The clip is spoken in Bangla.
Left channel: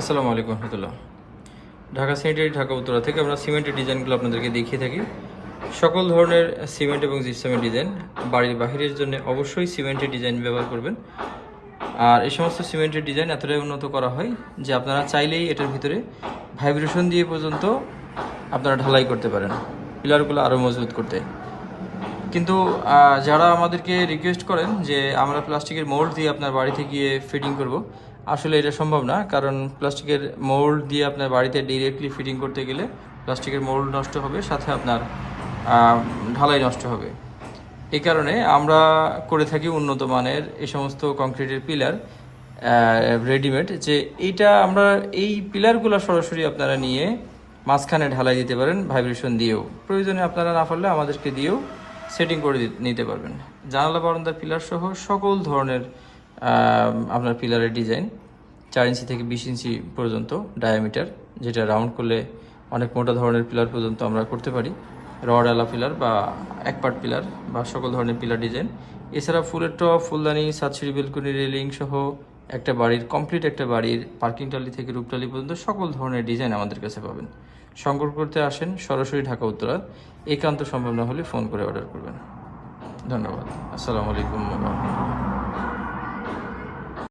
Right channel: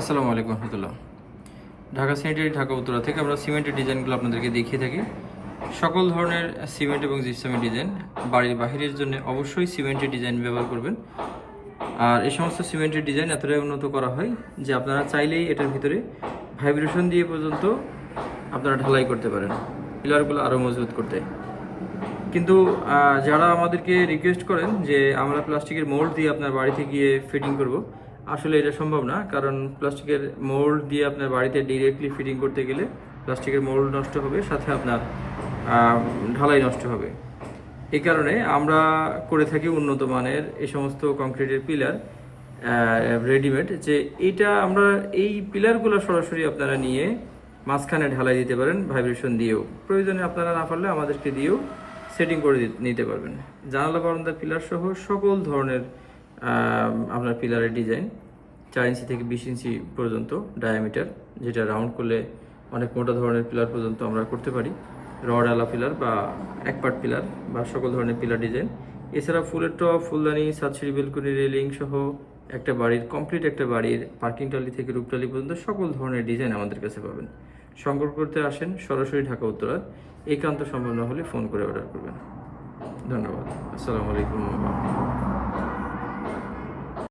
আসসালামু আলাইকুম রহমতুল্লাহ। ঢাকা সেন্টারি ঢাকা উত্তরা থেকে আমরা সিমেন্টের ডিজাইনগুলো আপনাদেরকে দেখিয়ে থাকি। সকল ধরনের সিমেন্ট এবং জিপসামের ডিজাইন বাড়ির বাহিরের জন্য অবশ্যই সিমেন্টের ডিজাইন ব্যবহার করবেন। আর এই সমস্ত সিমেন্টের ডিজাইন এতটাই উন্নত করা হয় যে আপনারা চাইলেই এটার ভিতরে ভাইব্রেশন দিয়ে পর্যন্ত আপনারা ঢালাই করতে পারেন পিলারগুলো আরও মজবুত করতে। কিন্তু যারা আমাদেরকে রিকোয়েস্ট করেন যে আমরা প্লাস্টিকের মোল্ড দিয়ে আপনার বাড়িতে গিয়ে ফিটিং করব, আসলে এটা সম্ভব না। কারণ প্লাস্টিকের মোল্ড দিয়ে আপনার বাড়িতে ডিরেক্টলি ফিটিং করতে গেলে প্লাস্টিকের মোল্ড নষ্ট হবে, সাথে আপনার ঢালাই নষ্ট হবে। এই কারণে আমরা করে থাকি উন্নত মানের এই সমস্ত কংক্রিটের পিলার রেডিমেড, যে এইটা আমরা এই পিলারগুলো সরাসরি আপনারা নিয়ে মাঝখানে ঢালাই দিতে পারেন ভাইব্রেশন দিয়েও। প্রয়োজনে আপনারা না পারলে আমাদেরকে দিয়েও সেটিং করে নিতে পারবেন। জানালা বারান্দার পিলার সহ সকল ধরনের আপনার পিলারের ডিজাইন 4 ইঞ্চি থেকে 20 ইঞ্চি পর্যন্ত ডায়ামিটার, যেটা রাউন্ড করলে অনেক মোটা ধরনের পিলার পর্যন্ত আমরা করতে পারি। রড আলা পিলার বা এক পার্ট পিলার বা সকল ধরনের পিলার ডিজাইন। এছাড়া ফুলের টপ, ফুলদানি, ছাদসিঁড়ি, বেলকনি, রেলিং সহ একটা বাড়ির কমপ্লিট একটা বাড়ির পার্কিং টালি থেকে রূপটালি পর্যন্ত সকল ধরনের ডিজাইন আমাদের কাছে পাবেন। সংগ্রহ করতে আসেন সরাসরি ঢাকা উত্তরা। একান্ত সম্ভব না হলে ফোন করে অর্ডার করবেন। ধন্যবাদ। আসসালামু আলাইকুম।